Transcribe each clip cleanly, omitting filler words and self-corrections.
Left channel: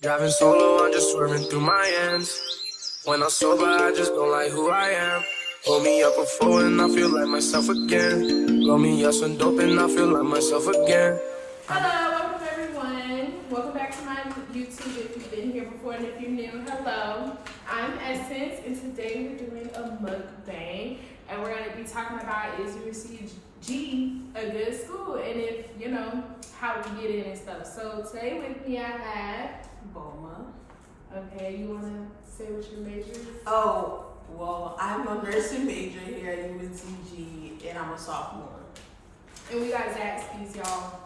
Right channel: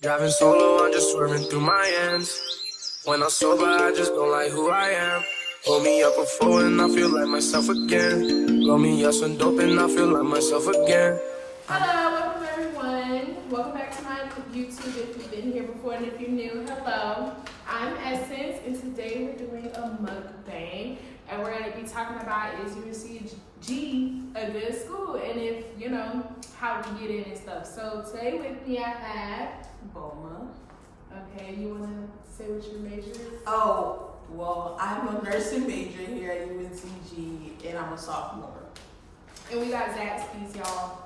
Driving solo, I'm just swerving through my ends. When I'm sober, I just don't like who I am. Hold me up before and I feel like myself again. Roll me up some dope and I feel like myself again. Hello, welcome everyone. Welcome back to my YouTube if you've been here before and if you're new, hello. I'm Essence and today we're doing a mukbang and we're going to be talking about is UNCG a good school and if, you know, how we get in and stuff. So today with me I have Boma. Okay, you want to say what your major is? Oh, well, I'm a nursing major here at UNCG, and I'm a sophomore. And we got Zaxby's, y'all.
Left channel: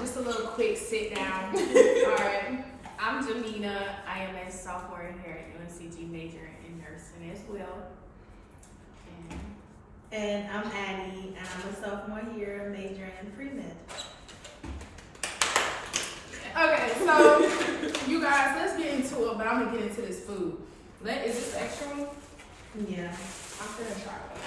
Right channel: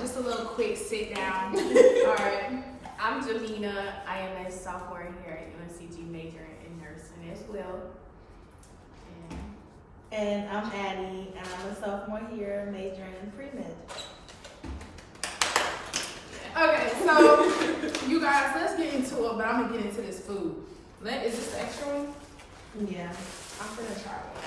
Just a little quick sit down. All right. I'm Jamina. I am a sophomore here at UNCG majoring in nursing as well. And I'm Addie, and I'm a sophomore here majoring in pre-med. Okay, so you guys, let's get into it, but I'm gonna get into this food. Is this the extra one? Yeah. I'm gonna try one.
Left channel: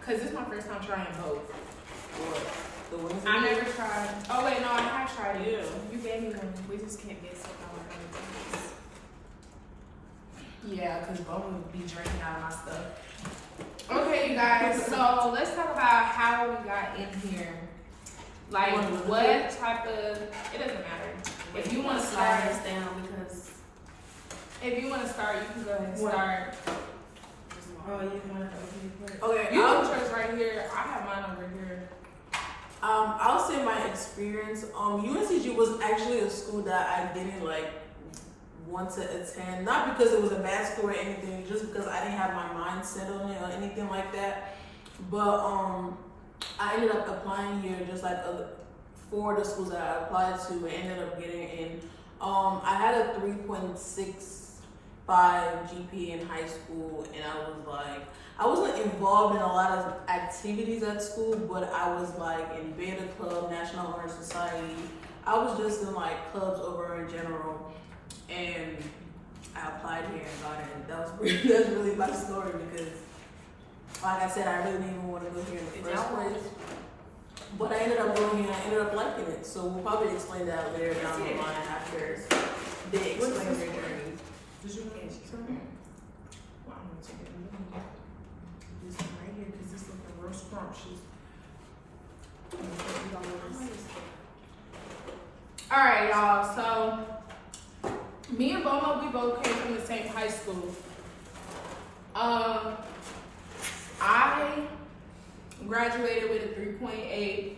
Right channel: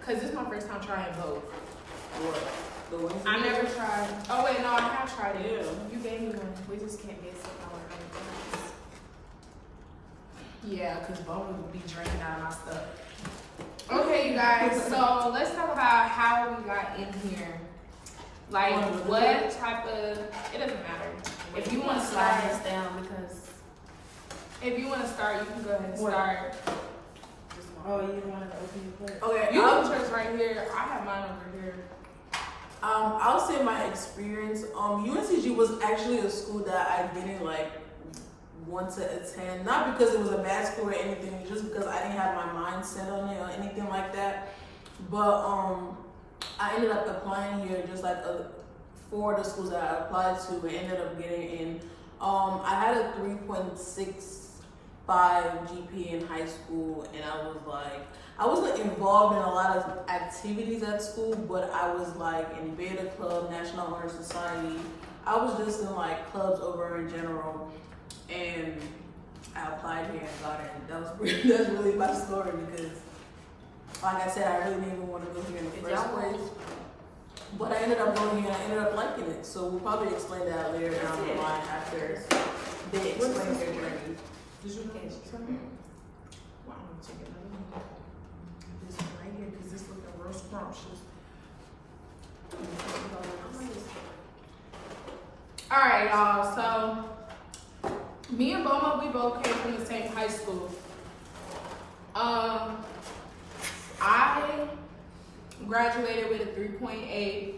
Cause this is my first time trying both. What? The ones I never tried. Oh wait, no, I have tried it. Yeah. You gave me one. We just can't get sick on other times. Yeah, cause Bone would be drinking out of my stuff. Okay, you guys. So let's talk about how we got in here. Like what type of? It doesn't matter. If you want to slide start, this down because if you want to start, you can go ahead and start. Oh, you wanted to open your plate? Okay, You can choose right here. I have mine over here. I'll say my experience. UNCG was actually a school that I didn't want to attend. Not because it was a bad school or anything, just because I didn't have my mind set on it or anything like that. But I ended up applying here just like for the schools that I applied to and ended up getting in. I had a 3.65 GPA in high school, and I wasn't involved in a lot of activities at school, but I was in Beta Club, National Honor Society. I was just in clubs over in general, and I applied here and got in. That's really my story because, like I said, I really didn't even want to go here in the first place. But I ended up going here and I ended up liking it. So we'll probably explain that later down the line after they explain their journey. Did you get something? Well, I'm gonna take another one. This one right here, because this looking real scrumptious. Alright, y'all. So, me and Boma, we both came from the same high school. I graduated with a 3.8,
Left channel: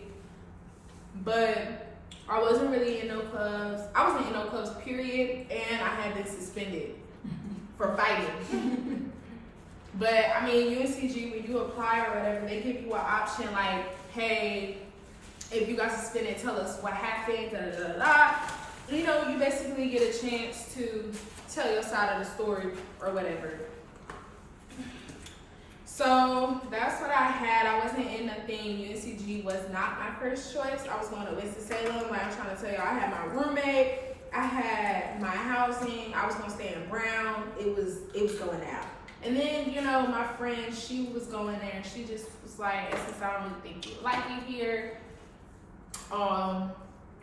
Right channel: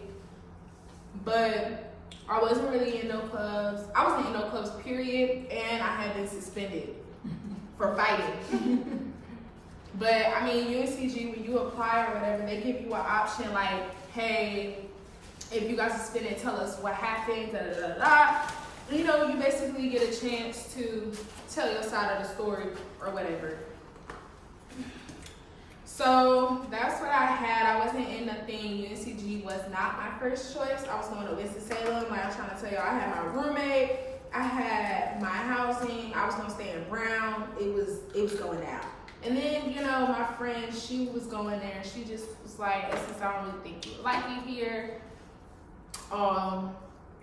but I wasn't really in no clubs. I wasn't in no clubs, period, and I had been suspended for fighting. But I mean, UNCG, when you apply or whatever, they give you an option like, hey, if you got suspended, tell us what happened, da da da da. You know, you basically get a chance to tell your side of the story or whatever. So that's what I had. I wasn't in nothing. UNCG was not my first choice. I was going to Winston-Salem. Like I'm trying to tell y'all, I had my roommate. I had my housing. I was going to stay in Brown. It was going down. And then, you know, my friend, she was going there. She just was like, since I don't really think you like it here.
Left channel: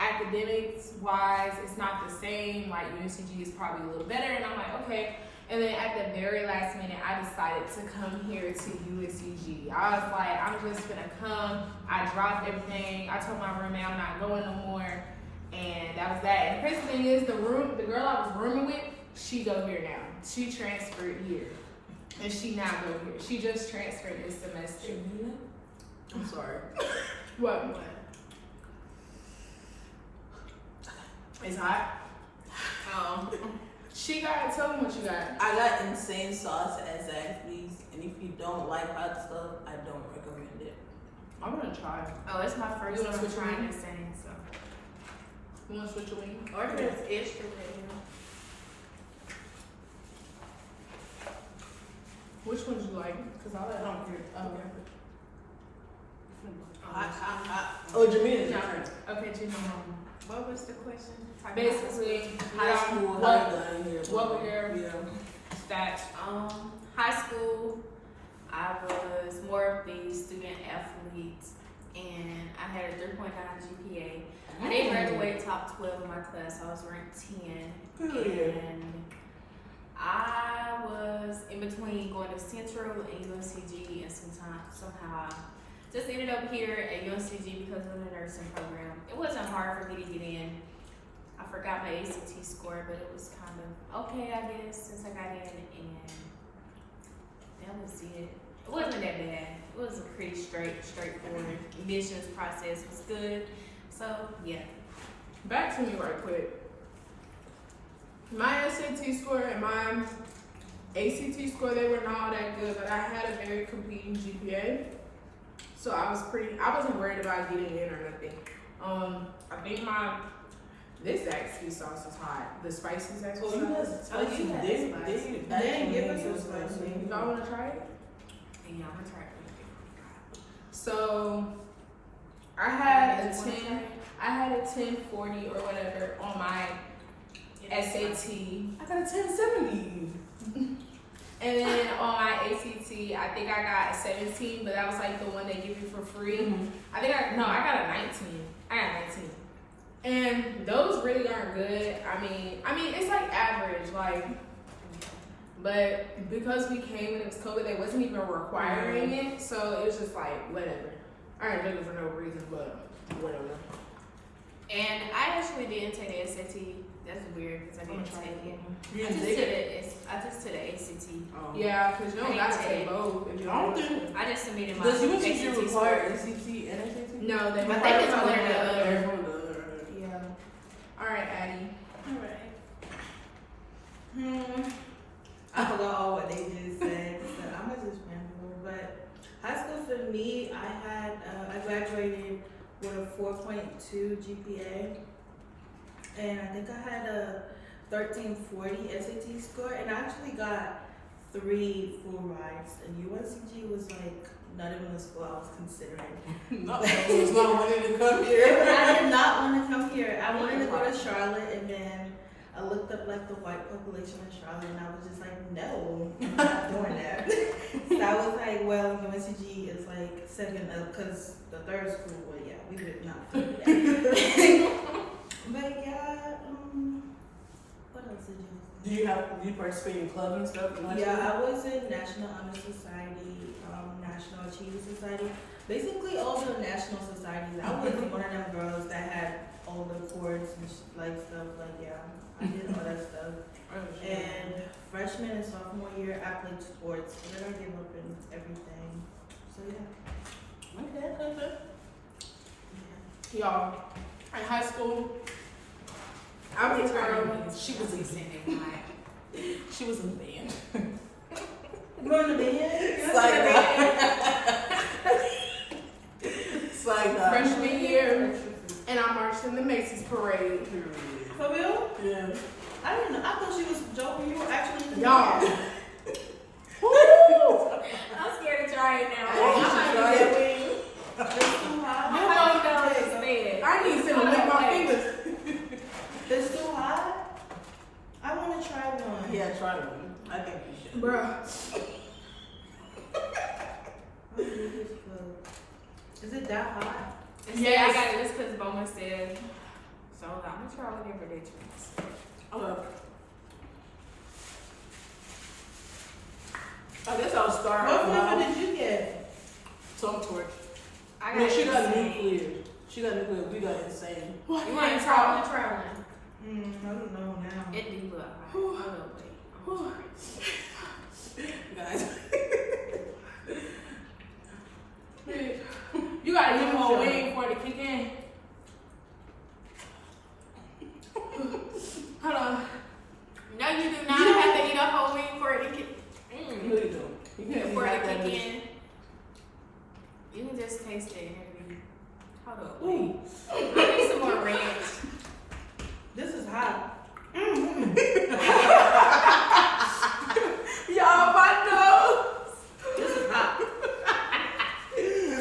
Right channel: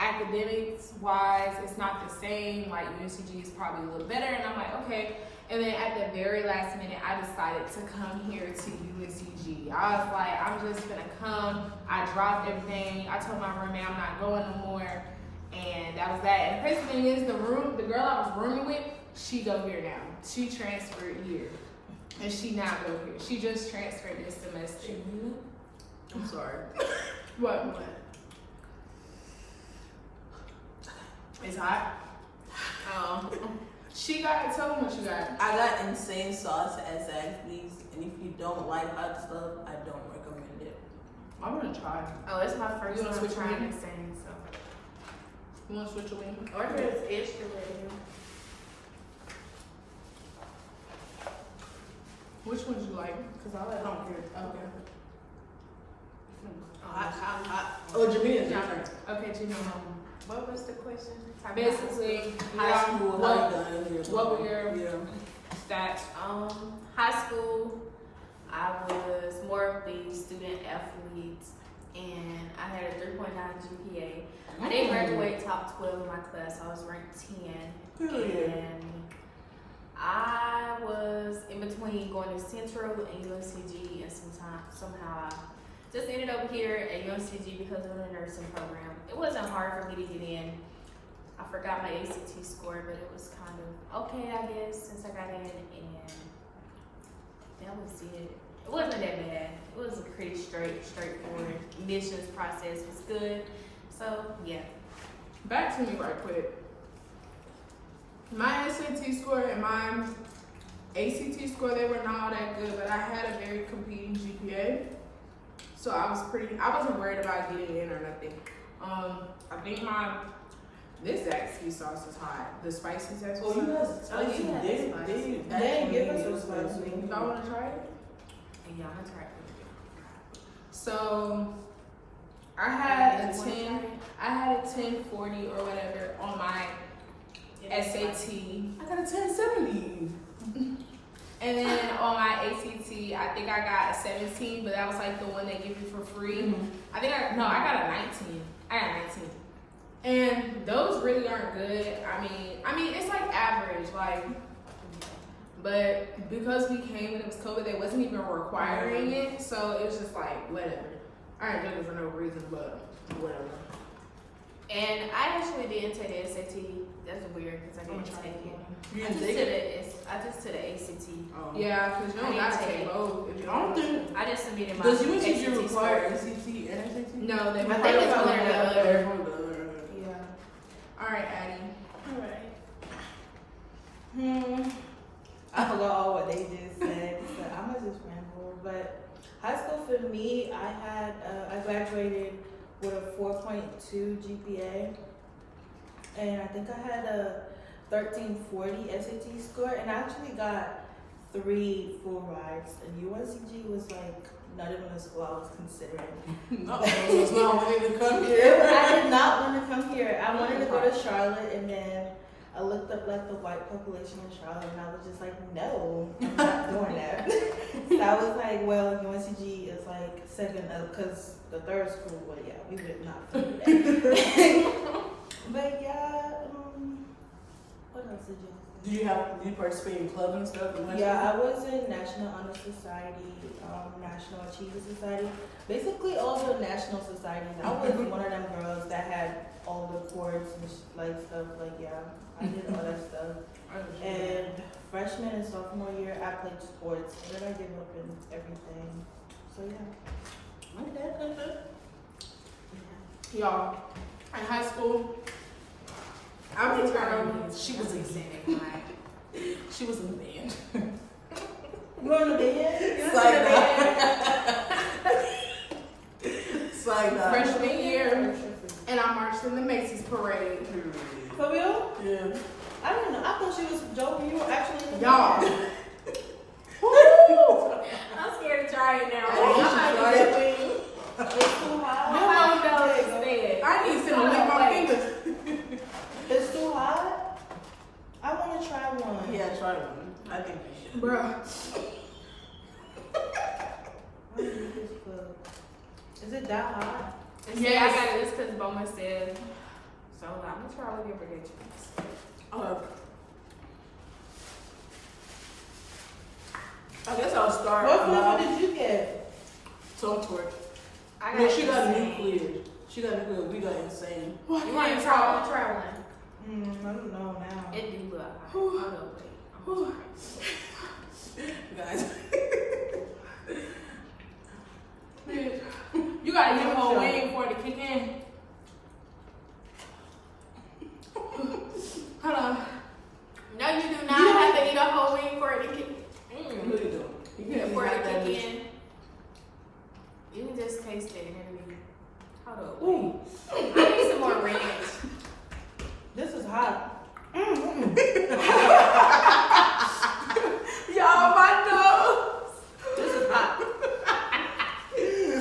Academics wise, it's not the same. Like UNCG is probably a little better. And I'm like, okay. And then at the very last minute, I decided to come here to UNCG. I was like, I'm just gonna come. I dropped everything. I told my roommate I'm not going no more. And that was that. And the crazy thing is, the girl I was rooming with, she go here now. She transferred here. And she now go here. She just transferred this semester. I'm sorry. What? It's hot. Tell them what you got. I got insane sauce at Zaxby's, and if you don't like hot stuff, I don't recommend it. I'm gonna try. Oh, it's my first You wanna time switch trying your the same, so. You want to switch your wing? Order is extra with him. Which ones you like? Because I don't care. Oh, Jamina. Okay, Jimmy. What was the question? Basically, High school, what what were your stats? High school, I was more of the student athlete, and I had a 3.9 GPA. I didn't graduate top 12 in my class. I was ranked 10, And I was in between going to Central and UNCG, and somehow I just ended up here at UNCG because of the nursing program. It wasn't hard for me to get in. I forgot my ACT score, but it was kind of okay, I guess, since I got in, and that was it. It wasn't that bad. It was a pretty straightforward. Admissions process was good. So yeah. Back to me right quick. My SAT score and my ACT score, they were not all that good, but I had a very competing GPA. So I wasn't worried about getting in or nothing. I think this Zaxby sauce is hot. The spicy Zaxby sauce. They give us some spicy. Y'all want to try it? Yeah, I'm gonna try it. So I had a 1040 or whatever on my SAT. I got a 1070. And then on my ACT, I think I got a 17, but that was like the one they give you for free. Mm-hmm. I got a 19. I got a 19. And those really aren't good. I mean, it's like average, like, but because we came when it was COVID, they wasn't even requiring it, so it was just like, whatever. I ain't looking for no reason, but whatever. And I actually didn't take the SAT. That's weird because I didn't take it. You I didn't take it? just took the ACT. Oh. Yeah, because you don't I gotta didn't take take both. If you I don't want to. think. I just submitted my Does UNCG ACT require score. ACT and SAT? No, they I require think it's one one or or the the other. One or the other. Yeah. All right, Addie. I forgot all what they just said, so I'm gonna just remember. But high school for me, I graduated with a 4.2 GPA, and I think I had a 1340 SAT score, and I actually got 3 full rides. And UNCG was like not even a school I was considering. So it's not wanting to come here. I did not want to come here. I wanted to go to Charlotte, and then I looked up like the white population in Charlotte, and I was just like, no, I'm not doing that. So I was like, well, UNCG is like second up because the third school. Well, yeah, we did not do that. But yeah, what else did you say? Do you participate in clubs and stuff? In high Yeah, I was in National Honor Society, National Achievement Society. Basically, all the national societies. I was one of them girls that had all the chords and like stuff. Like, yeah, I did all that stuff. And freshman and sophomore year, I played sports. And then I gave up in everything. So yeah. Okay. Y'all, in high school, I was a girl. She was in the band. You were in the band? It's like that. It's like that. Freshman year, and I marched in the Macy's parade. For real? Yeah. I didn't know. I thought she was joking. You were actually in the Y'all. band. I'm scared to try it now. Hey, you should try it. Wing. It's too hot. How do you know it's dead? I need to lick my fingers. It's too hot. I want to try one. Yeah, try one. I think you should. Bruh. What is this for? Is it that hot? Yeah, I got it just because Bowman said. So I'm gonna try whatever they choose. I guess I'll start. What flavor did you get? Some torch. I No, she got insane. nuclear. We got insane. You want to try one? Try one. I don't know now. It do look hot. Hold up, wait. I'm gonna try it. Guys. You gotta give more wing for it to kick in. Hold on. No, you do not have to eat a whole wing for it to kick. What are you doing? You can't For eat it to that kick dish. in. You can just taste it and every. Hold up. Ooh. I need some more ranch. This is hot. Y'all, my nose. This is hot.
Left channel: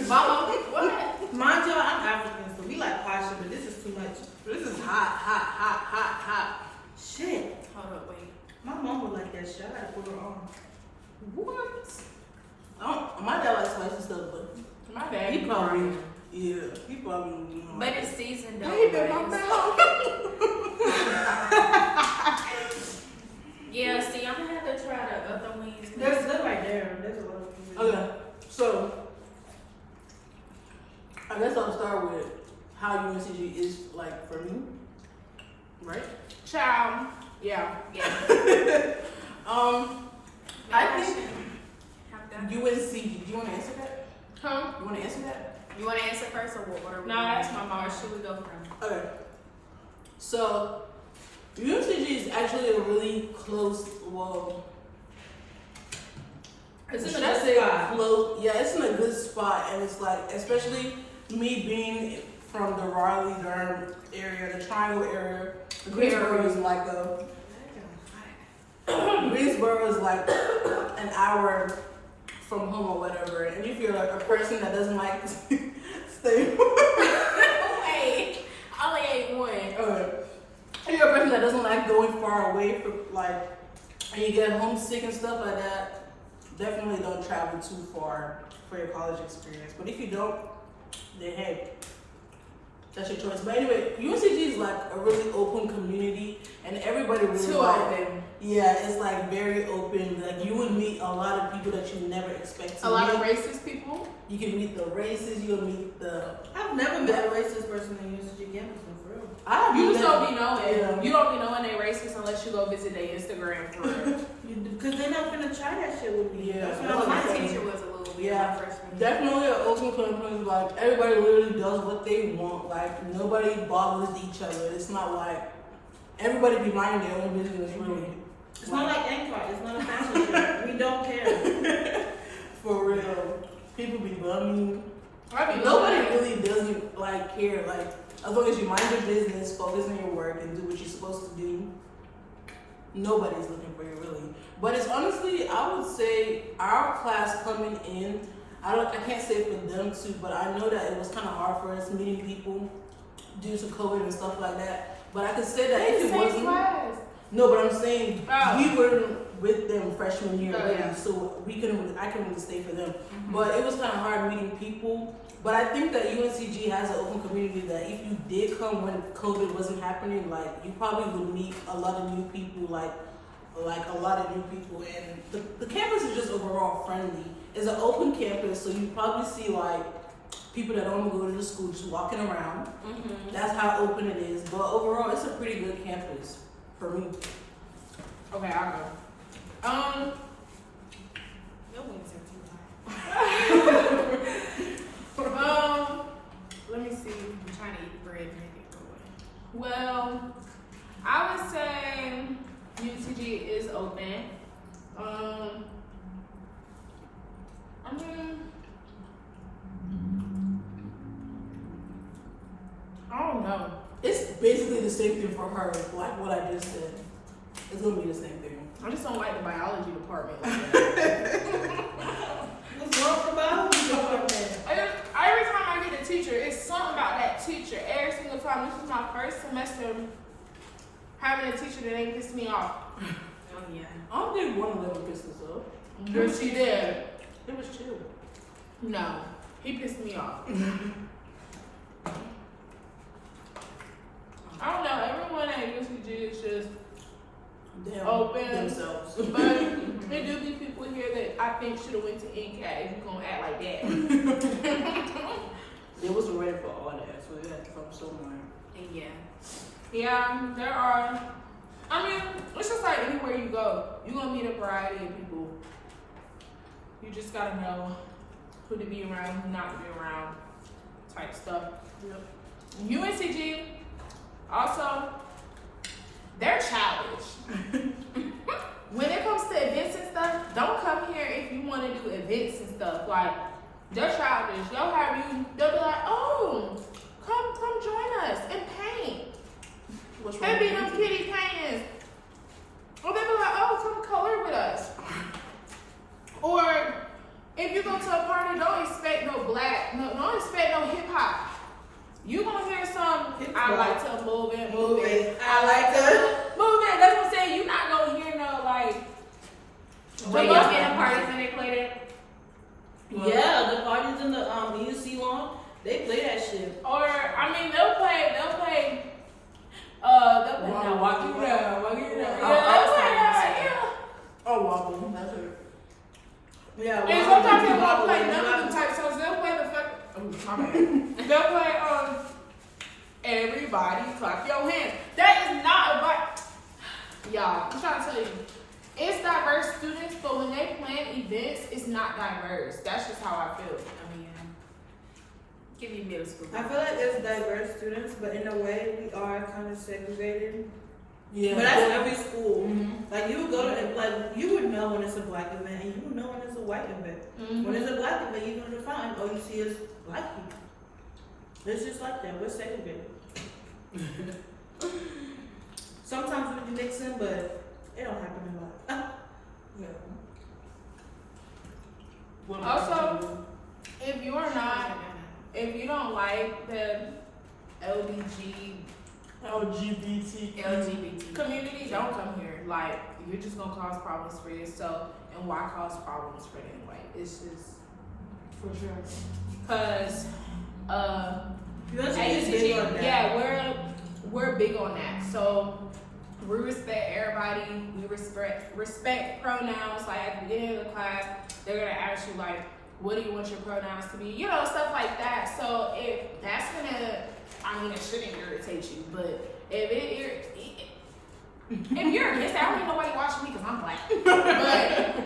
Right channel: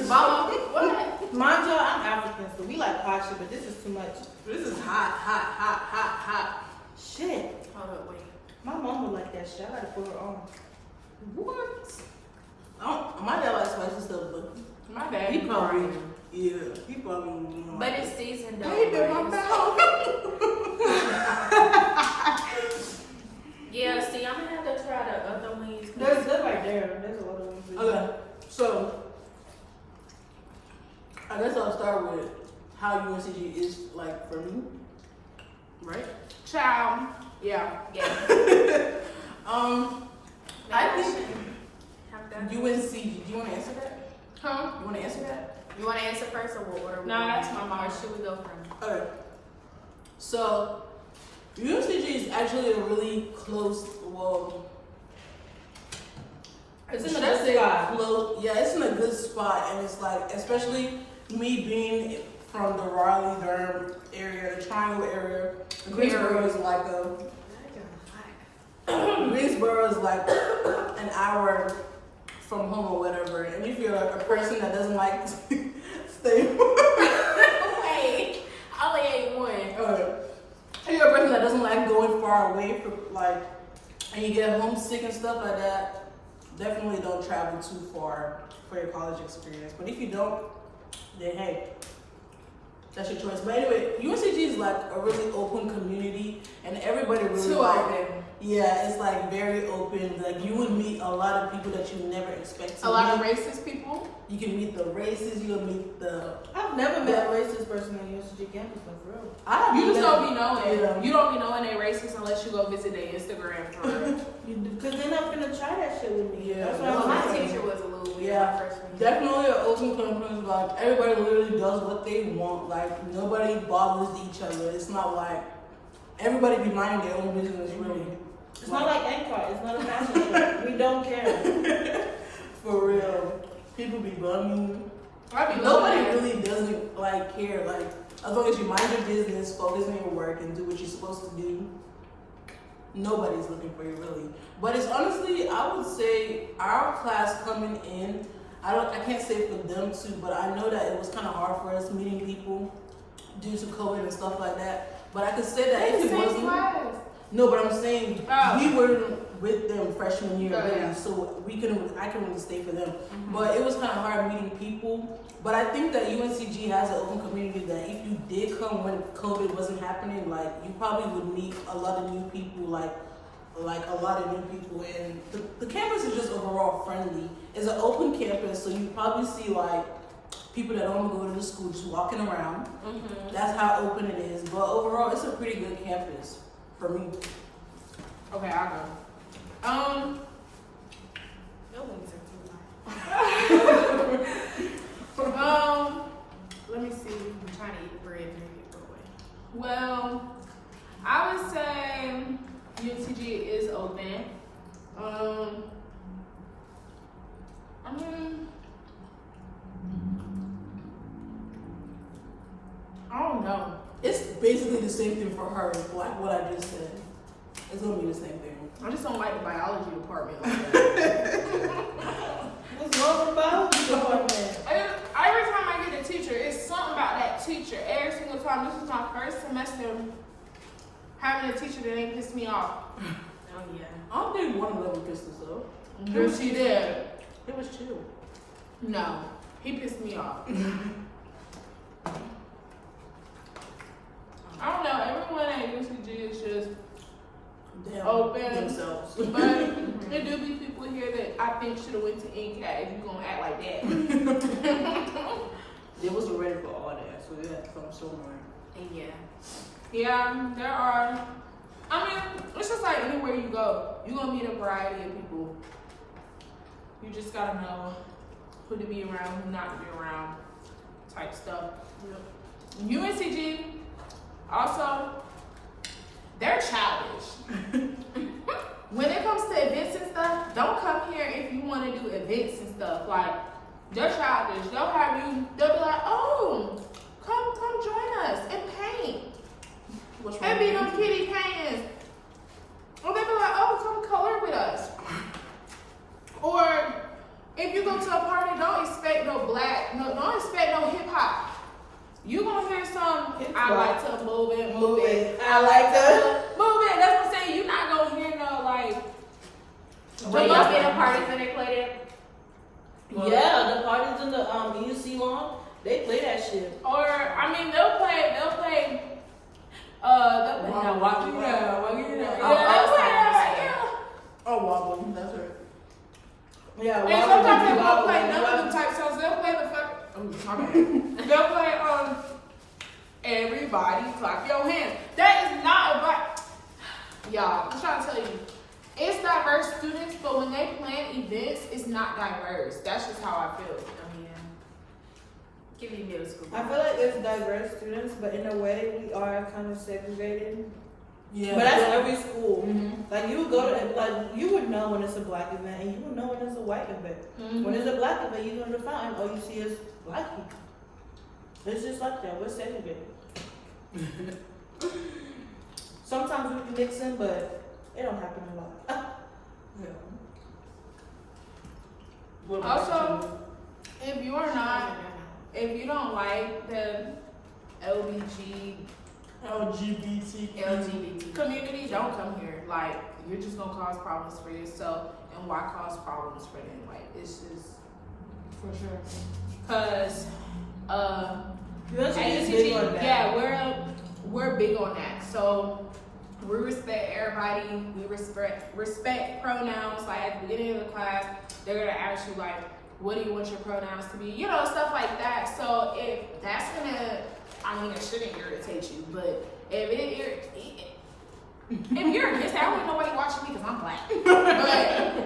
Mama, what? Mind you, I'm African, so we like hot shit, but this is too much. This is hot. Shit. Hold up, wait. My mom would like that shit. I gotta put her on. What? My dad likes spicy stuff, but My dad he be probably, crying. yeah, he probably. But it's seasoned though. Baby, my but mouth. how UNCG is like for me, right? Child. Yeah. I think UNCG. Do you want to answer that? Huh? You want to answer that? You want to answer first, or what order? No, that's my mom. Where should we go from? Okay. So UNCG is actually a really close. Well, It's in should a I good say spot. close? Yeah, it's in a good spot, and it's like, especially me being from the Raleigh-Durham area, the Triangle area. Greensboro is like Greensboro is like an hour from home or whatever, and if you're like a person that doesn't like staying. Wait, I only ate one. Okay. If you're a person that doesn't like going far away from like, and you get homesick and stuff like that, definitely don't travel too far for your college experience. But if you don't, then hey, that's your choice. But anyway, UNCG is like a really open community, and everybody really Too like, open. yeah, it's like very open. Like you would meet a lot of people that you never expect to A lot of meet. racist people. You can meet the races. You can meet the. I've never met a racist person in UNCG campus, no, for real. You just don't be knowing. Yeah. You don't be knowing they racist unless you go visit their Instagram for real. Because they're not gonna try that shit with me. Yeah. That's Well, Well, why my I'm saying. teacher was a little weird Yeah, my freshman year. definitely an open campus. Like everybody literally does what they want. Like nobody bothers each other. It's not like everybody be minding their own business. Really, It's not like NCAR. It's not a fashion show. We don't care. for real. People be bumming. I be Nobody looking at- really doesn't like care. Like as long as you mind your business, focus on your work, and do what you're supposed to do. Nobody's looking for you really. But it's honestly, I would say our class coming in, I can't say for them too, but I know that it was kind of hard for us meeting people due to COVID and stuff like that. But I could say that They if the it same wasn't, class. no, but I'm saying Oh. we were with them freshman year, Oh, really, yeah. so I can really stay for them. But it was kind of hard meeting people. But I think that UNCG has an open community that if you did come when COVID wasn't happening, like you probably would meet a lot of new people, like a lot of new people, and the campus is just overall friendly. It's an open campus, so you probably see like people that don't go to the school just walking around. That's how open it is. But overall, it's a pretty good campus for me. Okay, I'll go. Your wings are too high. Let me see. I'm trying to eat bread and make it go away. Well, I would say UNCG is open. I mean, I don't know. It's basically the same thing for her, like what I just said. It's gonna be the same thing. I just don't like the biology department like that. What's wrong with the biology department? Every time I get a teacher, it's something about that teacher. Every single time. This is my first semester having a teacher that ain't pissed me off. Oh yeah. I don't think one of them pissed us off. Girl, she did. It was chill. No, he pissed me off. I don't know. Everyone at UNCG is just Damn, open. themselves. But there do be people here that I think should have went to NCAT if you gonna act like that. They wasn't ready for all that, so they had to come somewhere. And yeah. Yeah, there are. I mean, it's just like anywhere you go, you're gonna meet a variety of people. You just gotta know who to be around, who not to be around, type stuff. Yep. UNCG, also, they're childish. When it comes to events and stuff, don't come here if you want to do events and stuff. Like, they're childish. They'll be like, oh, come join us and paint. What's wrong And be with them you? kitty paintings. Or they be like, oh, come color with us. Or if you go to a party, don't expect no don't expect no hip hop. You gonna hear some, I like to move it, move it. I like to move it. That's what I'm saying. You're not gonna hear no like. When y'all get in parties and they play that? Yeah, the parties in the UC lawn, they play that shit. Or I mean, they'll play. Now walk you down, walk you down. Yeah, they'll play that. Yeah. Oh, wobble. That's it. Yeah, And sometimes they won't play none of them type songs. They'll play the fuck. Oh, my bad. They'll play Everybody clap your hands. That is not about, y'all, I'm trying to tell you, it's diverse students, but when they plan events, it's not diverse. That's just how I feel. I mean, give you middle school. I feel like it's diverse students, but in a way, we are kind of segregated. Yeah. But that's every school. Mm-hmm. Like you would go to, like you would know when it's a black event, and you would know when it's a white event. Mm-hmm. When it's a black event, you go to the fountain, all you see is black people. It's just like that. We're segregated. Sometimes we can mix in, but it don't happen a lot. Yeah. What about Also, if if you don't like the LGBT community, don't come here. Like, you're just gonna cause problems for yourself, and why cause problems for them? Like, it's just for sure. cause UNCG at is big on UNCG, that. yeah, we're big on that. So we respect everybody. We respect pronouns. Like at the beginning of the class, they're gonna ask you like, what do you want your pronouns to be? You know, stuff like that. So if that's gonna, I mean, it shouldn't irritate you, but if you're against that, I don't even know why you're watching me because I'm black. But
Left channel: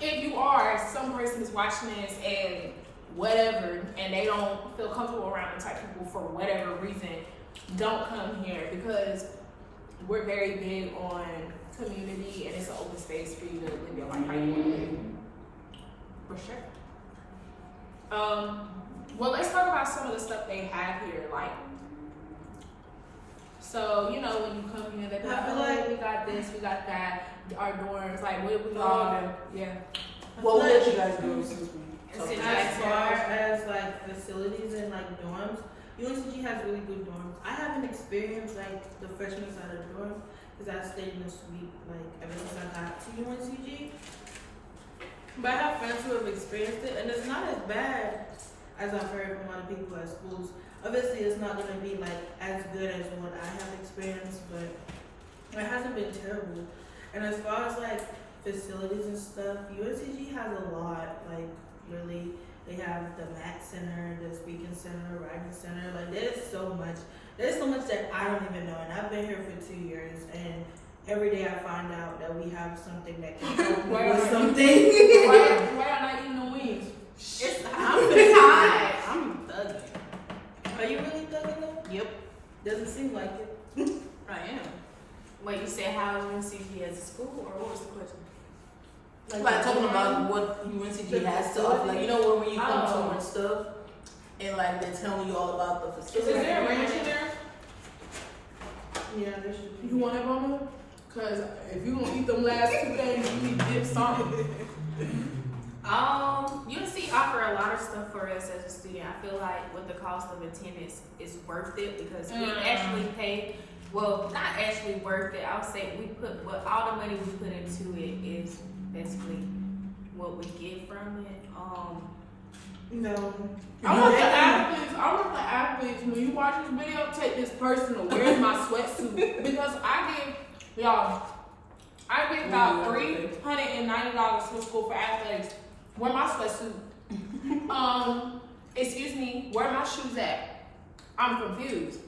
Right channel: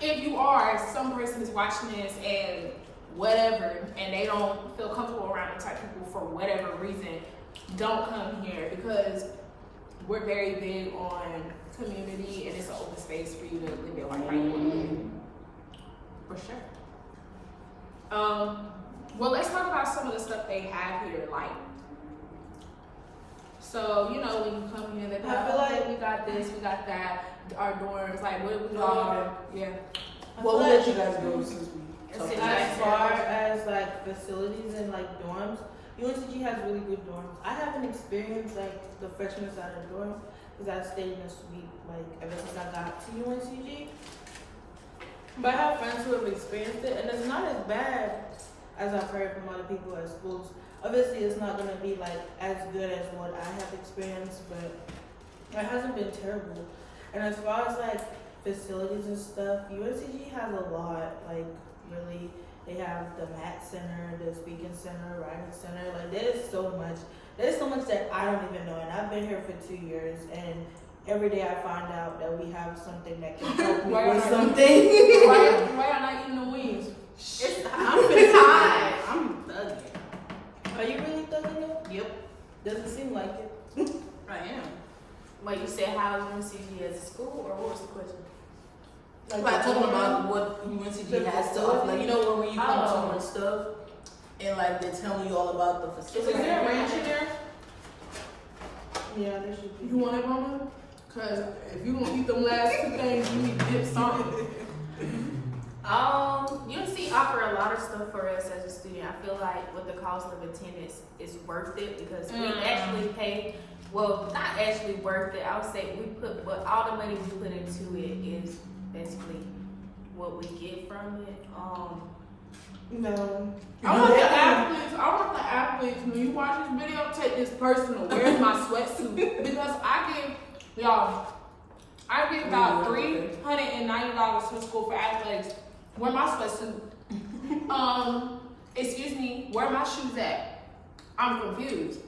if you are, some person is watching this and whatever, and they don't feel comfortable around the type of people for whatever reason, don't come here because we're very big on community and it's an open space for you to live your life how you want to live. For sure. Well, let's talk about some of the stuff they have here. Like, so you know, when you come here, they be like, I feel oh, like- we got this, we got that. Our dorms, like, what we all, yeah. Well, we'll let you guys go since we It's talked. nice. As far as like facilities and like dorms, UNCG has really good dorms. I haven't experienced like the freshman side of the dorm because I stayed in a suite like ever since I got to UNCG. But I have friends who have experienced it, and it's not as bad as I've heard from other people at schools. Obviously, it's not gonna be like as good as what I have experienced, but it hasn't been terrible. And as far as like facilities and stuff, UNCG has a lot. Like really, they have the Math Center, the Speaking Center, Writing Center. Like there's so much. There's so much that I don't even know, and I've been here for 2 years, and every day I find out that we have something that can help me Why with are- something. Why y'all not eating the wings? I'm tired. I'm thugging. Are you really thugging though? Yep, Doesn't seem like it. I am. Wait, you said how is UNCG as a school, or what was the question? Like talking about what UNCG has to offer, like you know when you come Oh. to and stuff, and like they're telling you all about the Is facilities. there a ranch in there? Yeah, they should be. You want it, mama? Cause if you gonna eat them last 2 things, you need dip something. UNC offer a lot of stuff for us as a student. I feel like with the cost of attendance, it's worth it because we actually pay. Well, not actually worth it. I would say we put, but all the money we put into it is basically what we get from it. No. I want the athletes, when you watch this video, take this personal. Where's my sweatsuit? Because I give about $390 to school for athletics. Where my sweatsuit? Excuse me, where my shoes at? I'm confused.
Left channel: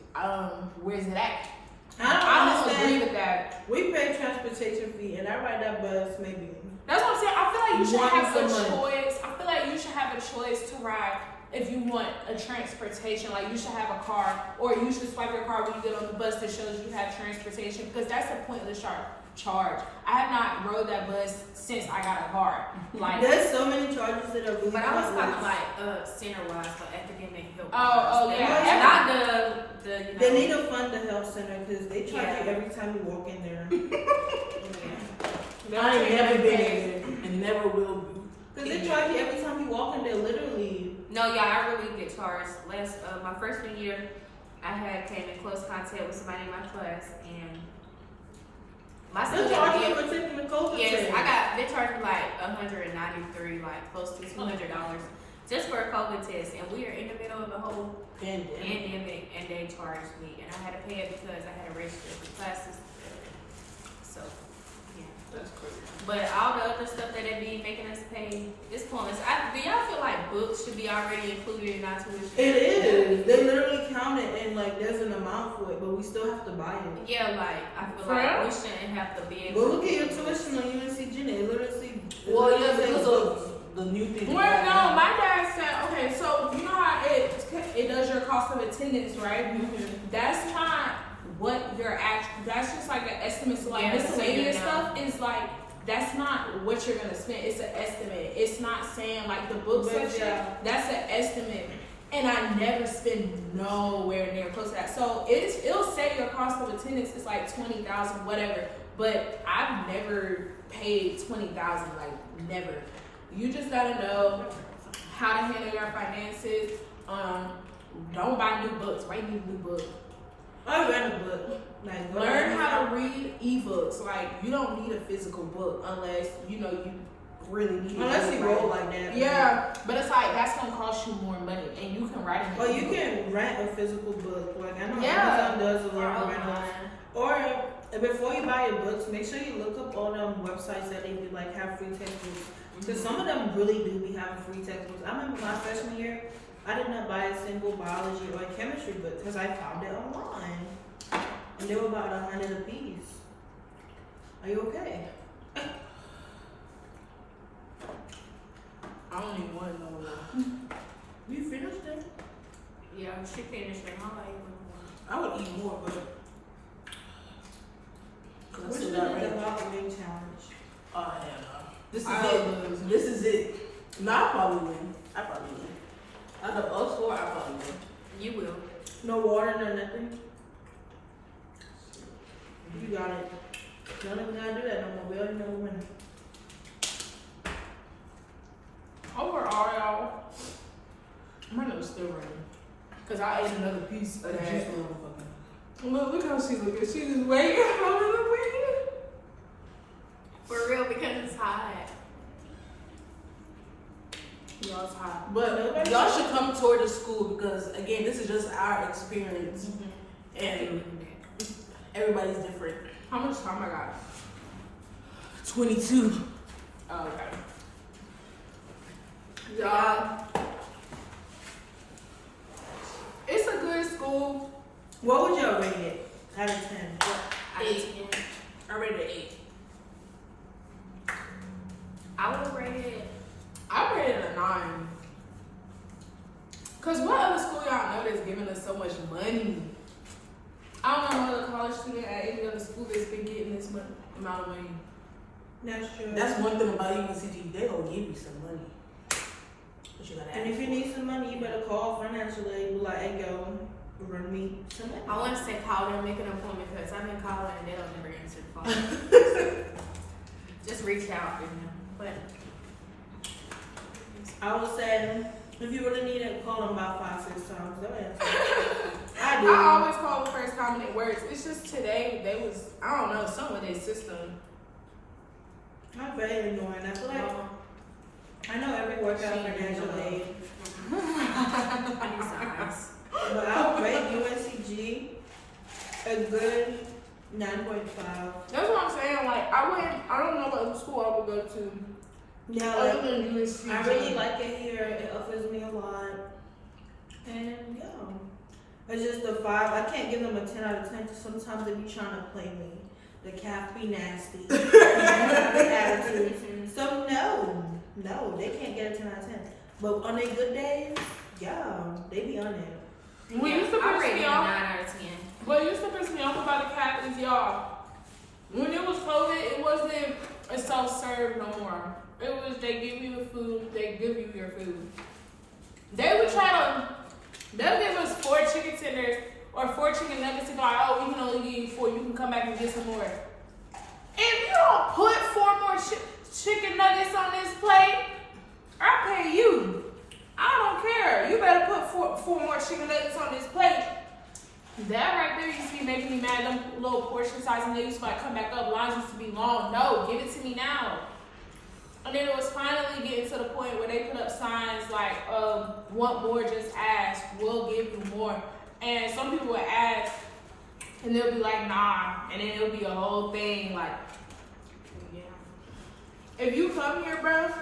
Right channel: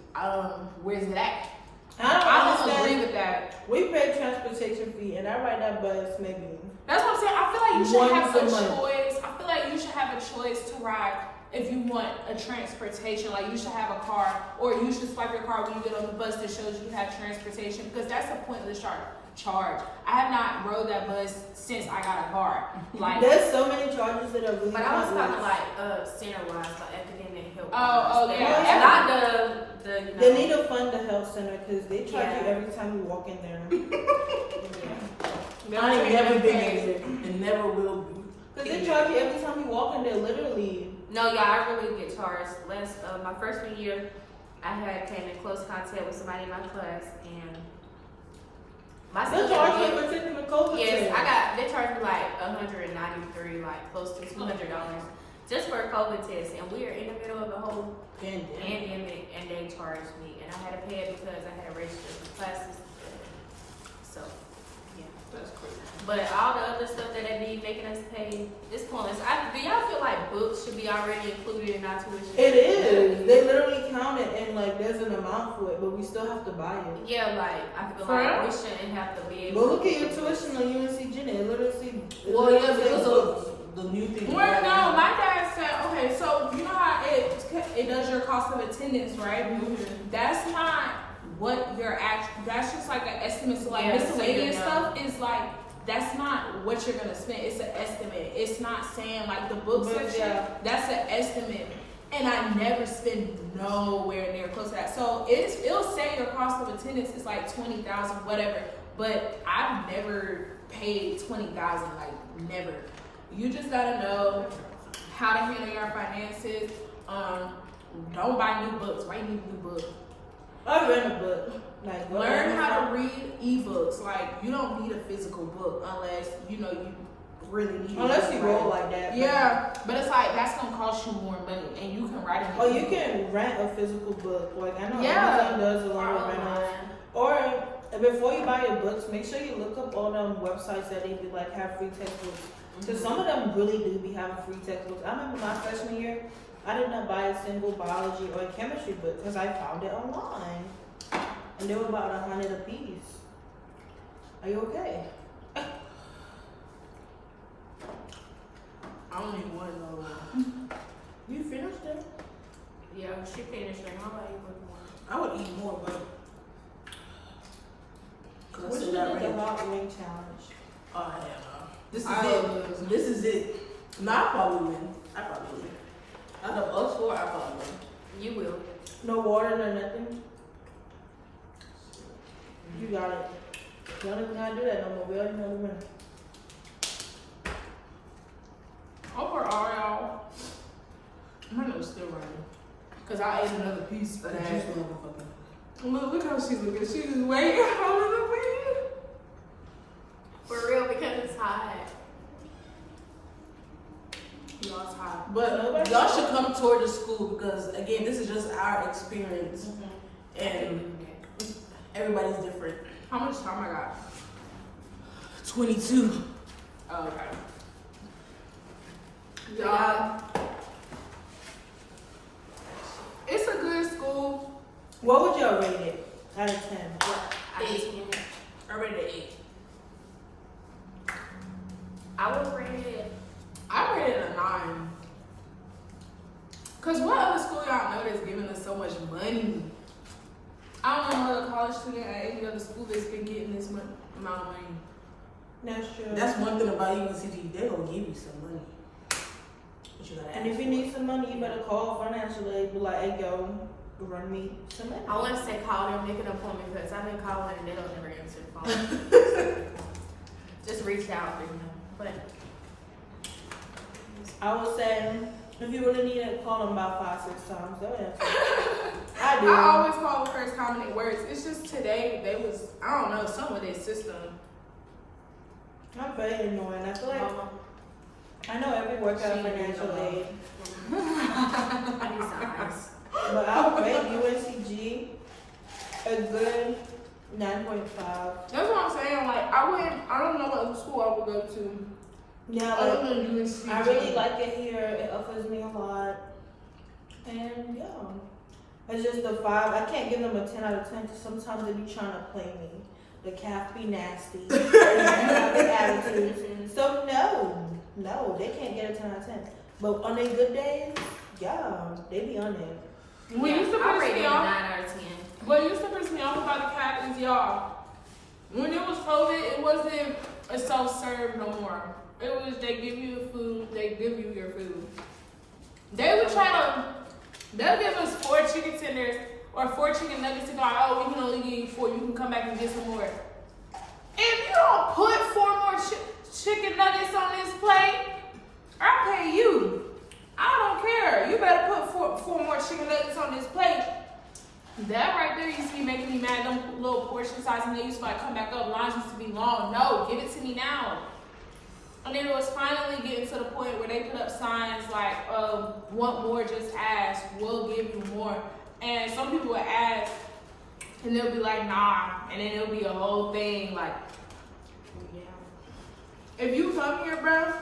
Where's it at? I don't agree with that. We pay transportation fee, and I ride that bus maybe. That's what I'm saying. I feel like you should have a Once a month. choice. I feel like you should have a choice to ride if you want a transportation. Like you should have a car, or you should swipe your card when you get on the bus that shows you have transportation, because that's a pointless charge. I have not rode that bus since I got a car. Like, There's so many charges that are really But I was pointless. talking like center-wise, like academic help. Oh, yeah. And not the you know. They need to fund the health center because they charge Yeah. you every time you walk in there. they'll I ain't take never that been pay. in there and never will be. Because they charge you every time you walk in there, literally. No, yeah, I really get charged. My freshman year, I came in close contact with somebody in my class, and my They student charge you did- for taking the COVID Yes, test. they charged me like $193, like close to $200 just for a COVID test, and we are in the middle of a whole pandemic, and they charged me, and I had to pay it because I had to register for classes. So, yeah. That's crazy. But all the other stuff that they be making us pay, it's pointless. Do y'all feel like books should be already included in our tuition? It is. They literally count it and like there's an amount for it, but we still have to buy it. Yeah, like I feel For like real? we shouldn't have to be able But to look at your get tuition on UNCG. They literally. Well, yeah, because of the new thing. Well, no, my dad said, okay, so you know how it does your cost of attendance, right? That's not what your actual, that's just like an estimate. So like Yeah, miscellaneous so you know. stuff is like, that's not what you're gonna spend. It's an estimate. It's not saying like the book But, section, yeah. that's an estimate. And I never spend nowhere near close to that. So it'll say your cost of attendance is like 20,000, whatever. But I've never paid 20,000, like never. You just gotta know how to handle your finances. Don't buy new books. Why you need a new book? I read a book. Like Learn how to read ebooks. Like you don't need a physical book unless you know you really need it. Unless you Right. roll like that. Yeah, but it's like that's gonna cost you more money, and you can write it. Or you can rent a physical book. Like I know Yeah. Amazon does a Or lot of rentals. online. Or before you buy your books, make sure you look up all them websites that they be like have free textbooks. Because some of them really do be having free textbooks. I remember my freshman year, I did not buy a single biology or chemistry book because I found it online. And they were about 100 a piece. Are you okay? I don't even want to know. You finished it? Yeah, she finished it. I'll let you with one. I would eat more, but. We should do the hot wing challenge. Oh, hell no. This is I it. love this. This is it. No, I probably win. Out of us four, I probably win. You will. No water, no nothing. You got it. Don't even gotta do that no more. We already know the winner. Overall, y'all, my nose still running. Cause I ate another piece of that. Juice motherfucker. Look how she looking. She just waiting. waiting. For real, because it's hot. Y'all tired. But y'all should come toward the school because again, this is just our experience, and everybody's different. How much time I got? 22. Oh, okay. Y'all, it's a good school. What would y'all rate it out of 10? I hate 10. I rated it 8. I would rate it. I rated it a 9. Cause what other school y'all know that's giving us so much money? I don't know no other college student at any other school that's been getting this amount of money. That's true. That's one thing about UNCG. They gonna give you some money, but you gotta ask. And if you need some money, you better call financial aid. Be like, hey, yo, run me some money. I want to say call them, make an appointment because I've been calling and they don't never answer the phone. Just reach out to them. But I would say, if you really need it, call them about 5-6 times. They'll answer. I do. I always call the first time and it works. It's just today they was, I don't know, some of their system. I'm very annoying. I feel like Mama, I know every workout She financial need aid, I need some ice. but I would rate UNCG a good 9.5. That's what I'm saying. Like I don't know what other school I would go to Yeah, other like, than UNCG. I really like it here. It offers me a lot, and yeah, it's just a 5. I can't give them a 10 out of 10 because sometimes they be trying to play me. The calf be nasty. And they have the attitude. So no, they can't get a 10 out of 10. But on their good days, yeah, they be on it. What used to I piss rate me it a off. 9 out of 10. What used to piss me off about the cat is y'all. When it was COVID, it wasn't a self-serve no more. It was they give you the food, they give you your food. They would they'll give us 4 chicken tenders or 4 chicken nuggets and go, oh, we can only give you 4. You can come back and get some more. If you don't put 4 more chicken nuggets on this plate, I pay you. I don't care. You better put 4 more chicken nuggets on this plate. That right there used to be making me mad. Them little portion size, and they used to like come back up. Lines used to be long. No, give it to me now. And then it was finally getting to the point where they put up signs like, want more, just ask. We'll give you more. And some people would ask, and they'll be like, nah. And then it'll be a whole thing like, yeah. if you come here, bro,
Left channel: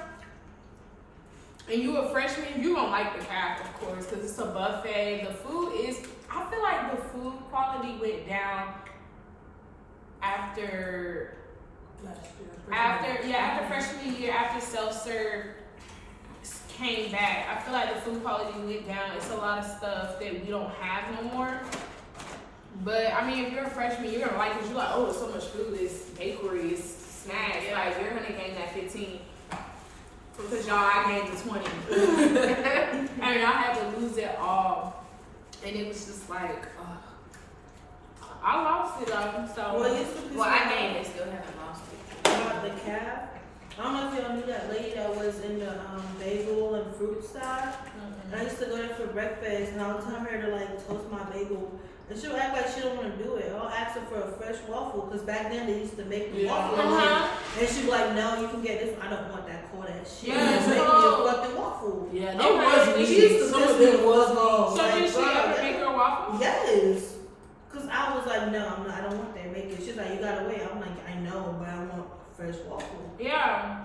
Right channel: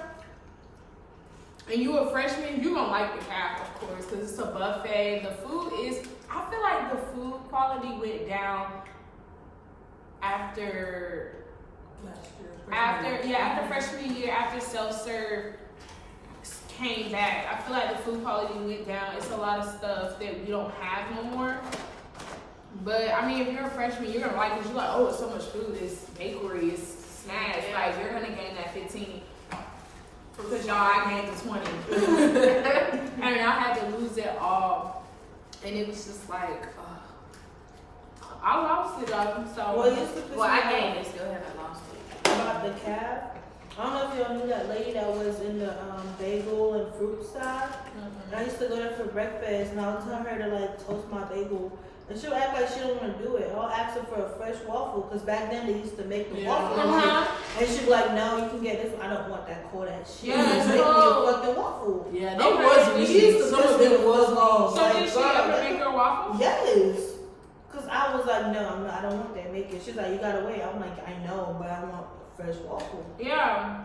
and you a freshman, you gonna like the CAF, of course, because it's a buffet. The food is, I feel like the food quality went down after freshman year, after self-serve came back. I feel like the food quality went down. It's a lot of stuff that we don't have no more. But I mean, if you're a freshman, you're gonna like it. You're like, oh, it's so much food. It's bakery, it's snacks. Like you're gonna gain that 15. Because y'all, I gained the 20. And y'all had to lose it all. And it was just like, I lost it though. So, I gained it, still haven't lost it. About the calf. I don't know if y'all knew that lady that was in the bagel and fruit side. I used to go there for breakfast, and I would tell her to like toast my bagel, and she would act like she don't want to do it. I'll ask her for a fresh waffle, because back then they used to make the waffle, and she'd be like, "No, you can get this. I don't want that cold ass shit. Yeah, make me a fucking waffle." Yeah, they was weak. Some of them was long. So did she ever make her waffle? Yes. Cause I was like, no, I don't want that. Make it. She's like, you gotta wait. I'm like, I know, but I want fresh waffle. Yeah.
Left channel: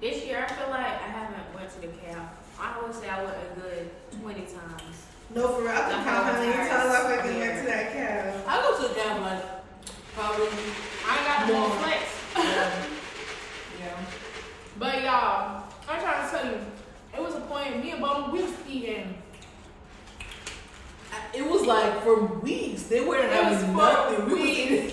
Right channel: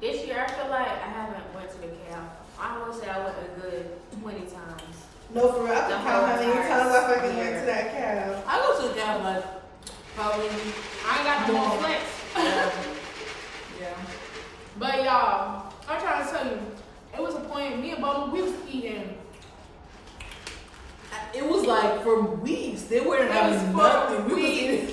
This year, I feel like I haven't went to the CAF. I would say I went a good 20 times. No, for real. I can count how many times I fucking Yeah. went to that cab. I go to the CAF like probably. I ain't got no more flex. Yeah. But y'all, I'm trying to tell you, it was a point, me and Bubba, we was eating. It was like for weeks. They weren't It was having for nothing. weeks.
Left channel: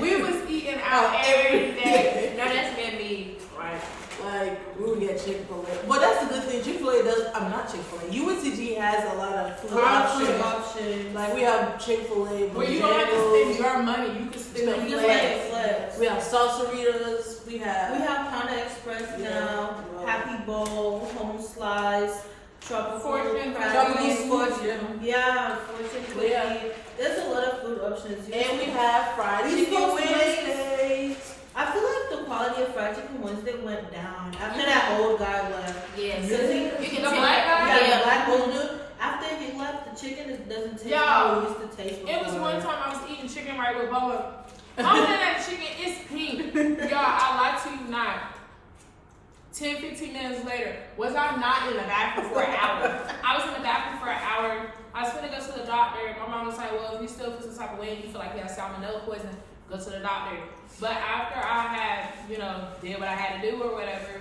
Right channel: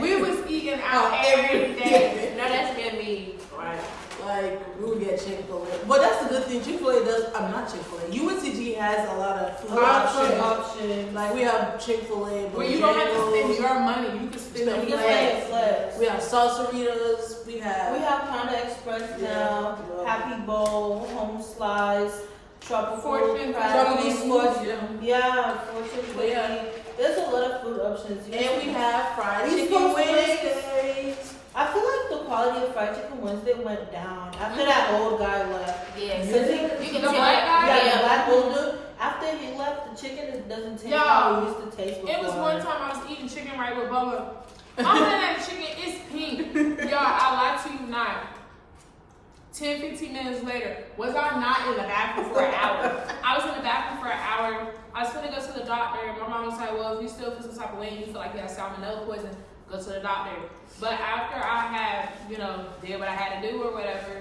We was eating out every day. No, that's been me. Right. Like, we would get Chick-fil-A. But that's the good thing. Chick-fil-A does, I'm not Chick-fil-A. UNCG has a lot of food options. Like, we have Chick-fil-A. Where you don't have to spend your money, you can spend the flex. We have salsaritas. We have Panda Express now, Happy Bowl, Home Slice, Tropical Fortune Fortune. Yeah, Fortune cookie. Yeah. There's a lot of food options. and we have fried We chicken supposed to Wednesdays. I feel like the quality of fried chicken Wednesday went down after that old guy left. Yeah, You can The tell. black guy? Yeah, the black old dude. After he left, the chicken doesn't taste how it used to taste before. It was one time I was eating chicken right with Bubba. I'm looking at the chicken, it's pink. Y'all, I lie to you not. 10, 15 minutes later, was I not in the bathroom for an hour? I was in the bathroom for an hour. I was gonna go to the doctor. My mom was like, well, if you still feel some type of way and you feel like you have salmonella poison, go to the doctor. But after I had, did what I had to do or whatever,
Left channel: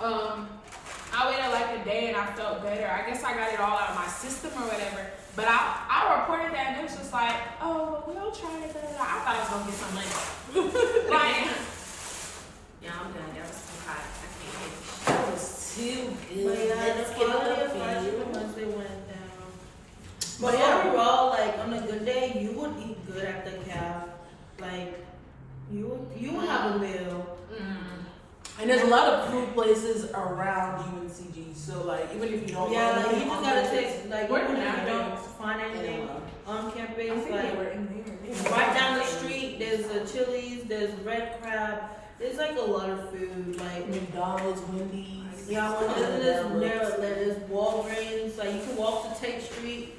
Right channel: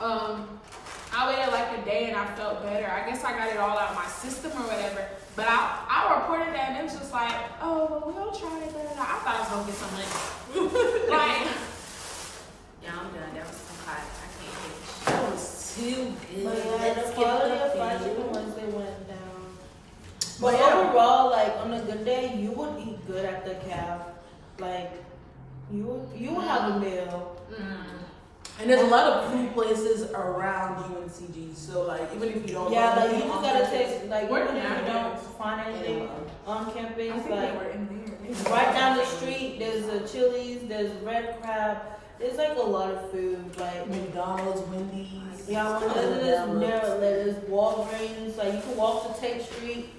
I waited like a day and I felt better. I guess I got it all out of my system or whatever. But I reported that and it was just like, oh, well, we'll try it. I thought I was gonna get some money. Like, Yeah, I'm done. That was too hot. I can't That was too good. But yeah, Let's the get quality up of fried in chicken you. Wednesday went down. But But yeah. overall, like on a good day, you would eat good at the calf. Like you would have a meal. And there's a lot of food places around UNCG. So like, even if you don't Yeah, like you anything just on gotta campus, take like Where even the if you Napa don't find anything on campus, I think like they were in there. right down the street, there's a Chili's, there's Red Crab. There's like a lot of food, like McDonald's, Wendy's. yeah, there's Walgreens. Like you can walk to Tate Street.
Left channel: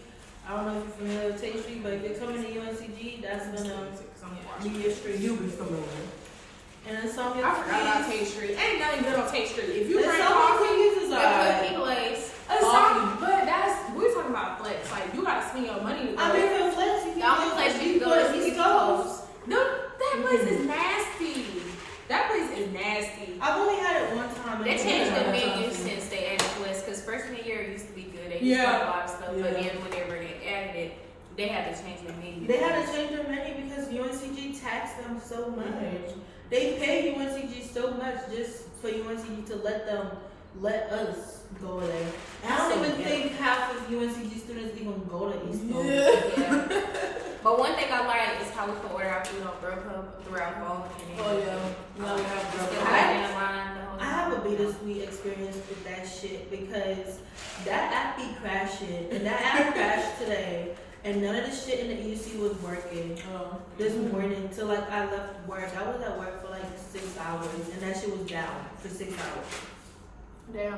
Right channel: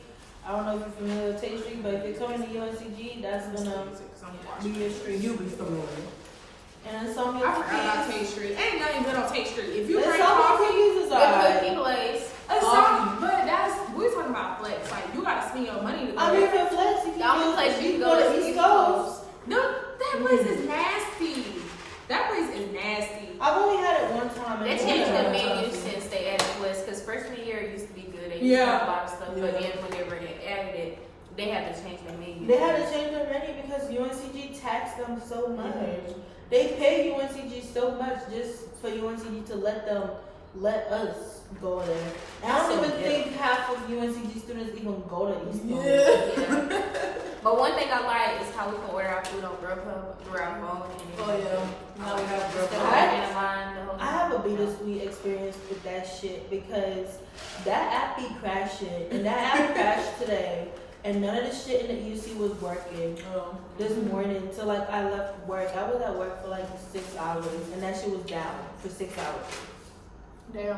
I don't know if you're familiar with Tate Street, but if you're coming to UNCG, that's gonna be your street. You'll be familiar. And then some I forgot about Tate Street. Ain't nothing good on Tate Street. If you There's drink some coffee, cookies is The alright. cookie place. but we're talking about flex. Like you gotta spend your money to go I mean, there. for Flex, you The only can place you you can go go is to East East Coast. No, that place is nasty. That place is nasty. I've only had it one time. They and changed it the was menu awesome. since they added West. Because freshman year it used to be good. They used Yeah. to have a lot of stuff. Yeah. But then whenever they added it, they had to change the menu. They had to change their menu because UNCG taxed them so much. They pay UNCG so much just for UNCG to let us go there. And I don't even think half of UNCG students even go to East Coast. Yeah. But one thing I like is how we can order our food on Grubhub through our phone. Oh yeah. Now we have Instead of Grubhub. waiting in line the whole I have a time. bittersweet experience with that shit because that app be crashing and that app crashed today and none of the shit in the EUC was working this morning till like I left work. I was at work for like 6 hours and that shit was down for 6 hours. Damn.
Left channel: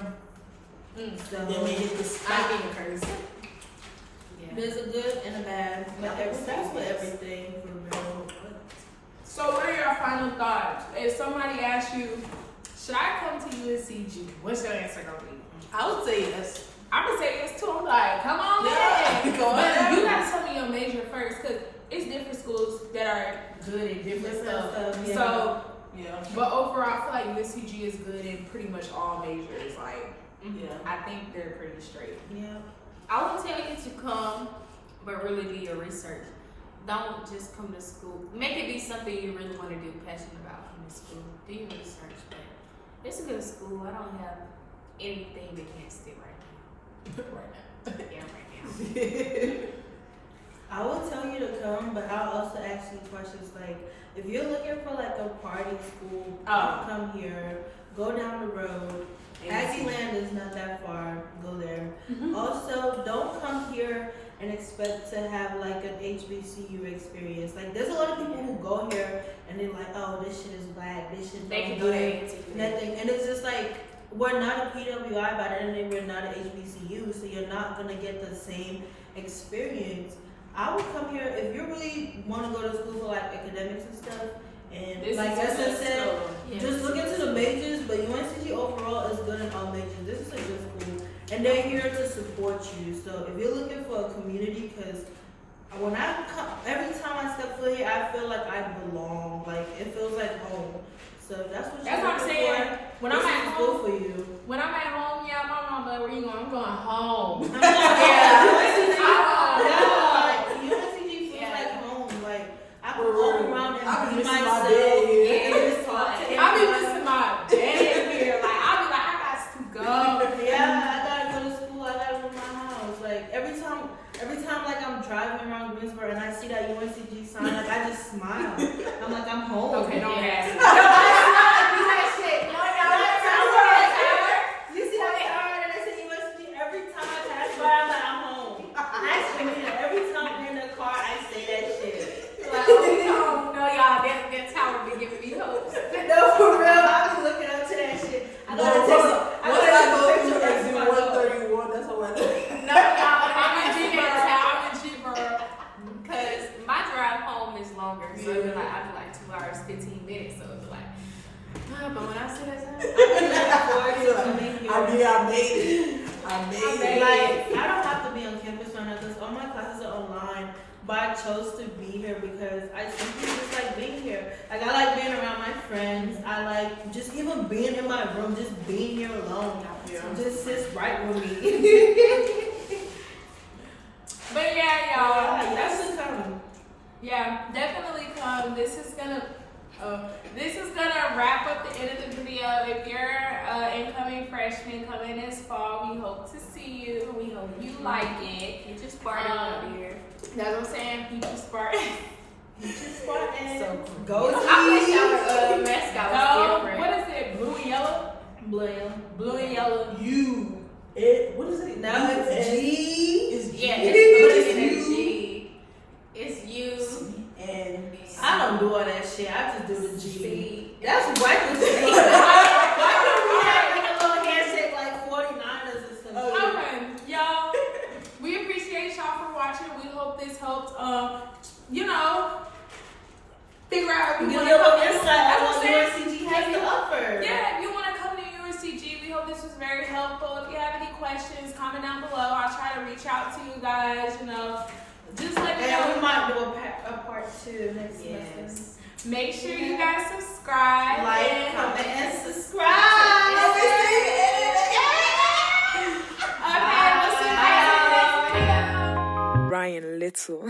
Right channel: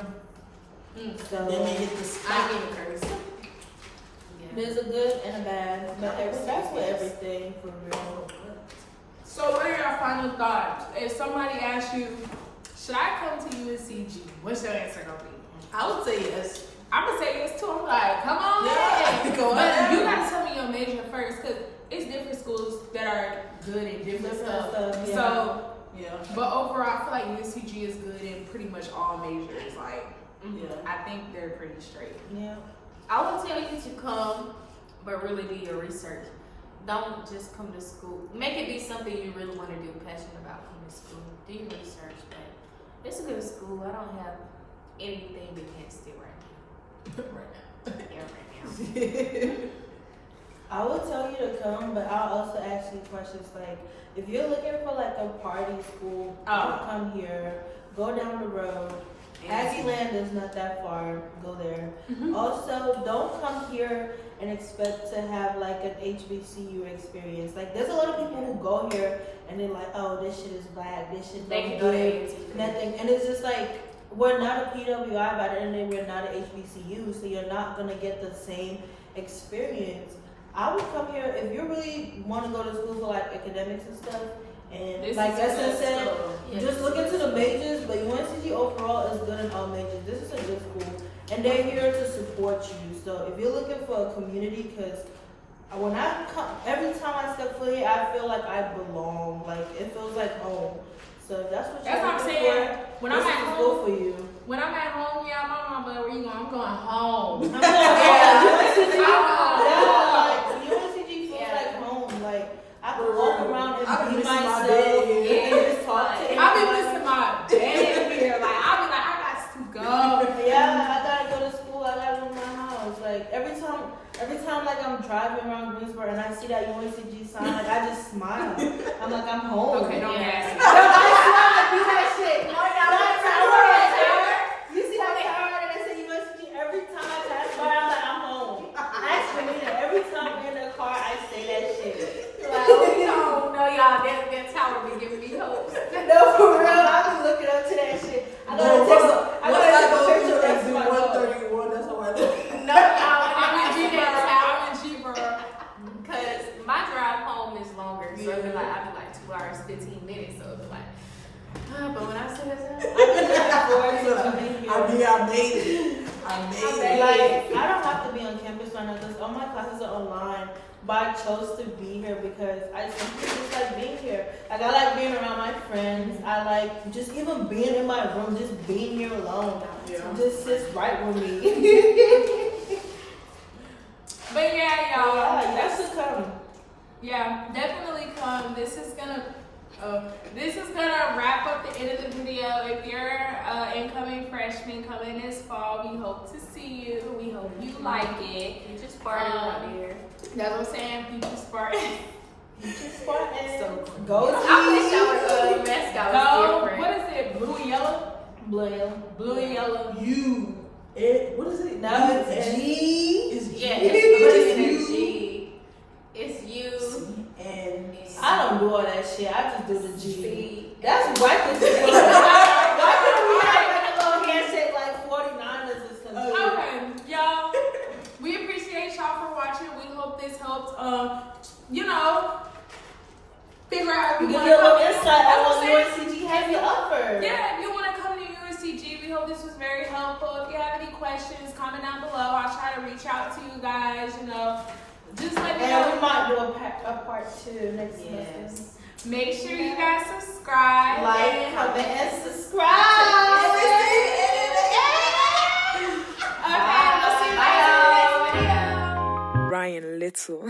So Then we hit the I stop. ain't even curse. Yeah. there's a good and a bad. But that's with everything for real. So what are your final thoughts? If somebody asks you, should I come to UNCG? What's your answer gonna be? I would say yes. I'm gonna say yes too. I'm like, come on, Yeah. man. Go But ahead. you gotta tell me your major first, cause it's different schools that are good at different stuff. Yeah. So, Yeah. but overall, I feel like UNCG is good in pretty much all majors. Like, Yeah. I think they're pretty straight. Yeah. I would tell you to come, but really do your research. Don't just come to school. Make it be something you really want to do, passionate about coming to school. Do your research. But it's a good school. I don't have anything against it right now. Right now. Yeah, right now. I would tell you to come, but I'll also ask you questions like, if you're looking for like a party school, come here. Go down the road. Land is not that far. Go there. Also, don't come here and expect to have like an HBCU experience. Like, there's a lot of people who go here and they're like, oh, this shit is black. This shit They don't can do do that. nothing. And it's just like, we're not a PWI, but and then we're not an HBCU, so you're not gonna get the same experience. I would come here if you really want to go to school for like academics and stuff. And This like is Justin good said, school. just look into the majors, but UNCG overall is good in all majors. This is a good school, and they're here to support you. So if you're looking for a community, because when I come, every time I step foot here, I feel like I belong. Like, it feels like home. So that's what I'm saying. When I'm at Good home, for you. when I'm at home, yeah, my mom, but where you going? I'm going home. I'm going Yeah. UNCG feels Yeah. like home. Like, I can walk around and I be be missing my myself. bed here. And just talk to I be missing my day here. Like, I be like, I got to go. Yeah, I gotta go to school. I gotta leave my house. Like, every time, like I'm driving around Greensboro and I see that UNCG sign, like I just smile. I'm like, I'm home. Okay, don't Yeah. ask me. Do that shit. You see that tower and they say UNCG? Every time I pass by, I'm like, I'm home. Actually, every time I'm in the car, I say that shit. Like, oh, we don't know y'all. That tower be giving me hope. No, for real. I be looking up to that shit. I No, gotta what take I a go picture to of exit my dog. 131, that's how I know. No, y'all. I'm in G-Boro. Because my drive home is longer. So it'd be like, I'd be like 2 hours, 15 minutes. So it'd be like, but when I see that time, I made it. I made it. Like, I don't have to be on campus right now because all my classes are online. But I chose to be here because I just like being here. Like, I like being around my friends. I like just even being in my room, just being here alone. Yeah. Just sits right with me. But yeah, y'all. That's to come. Yeah, definitely come. This is gonna wrap up the end of the video. If you're incoming freshman coming this fall, we hope to see you. We hope you like it. you just farted out here. That's what I'm saying. Future Spartan. Spartan. So cool. Go I wish our mascot was No, different. what is it? Blue and yellow? Blue and yellow. What is it? Now it's U-S- G. It's Yeah, G. it's in G. It's you. And I don't do all that shit. I just do the G. C. That's white people. Why can't we have a little handshake like 49ers or something? Okay, y'all. We appreciate y'all for watching. We hope this helped. Figure out if you Give want you to a come. little insight That's on what what I'm saying. UNCG has to offer. Yeah, if you want to come to UNCG, we hope this was very helpful. If you have any questions, comment down below. I'll try to reach out to you guys. Just let me And know. we might do a part 2 next semester. Yes. Make sure you guys subscribe. Like, and comment, and subscribe. Okay, we'll see you guys in the next video. Ryan Little.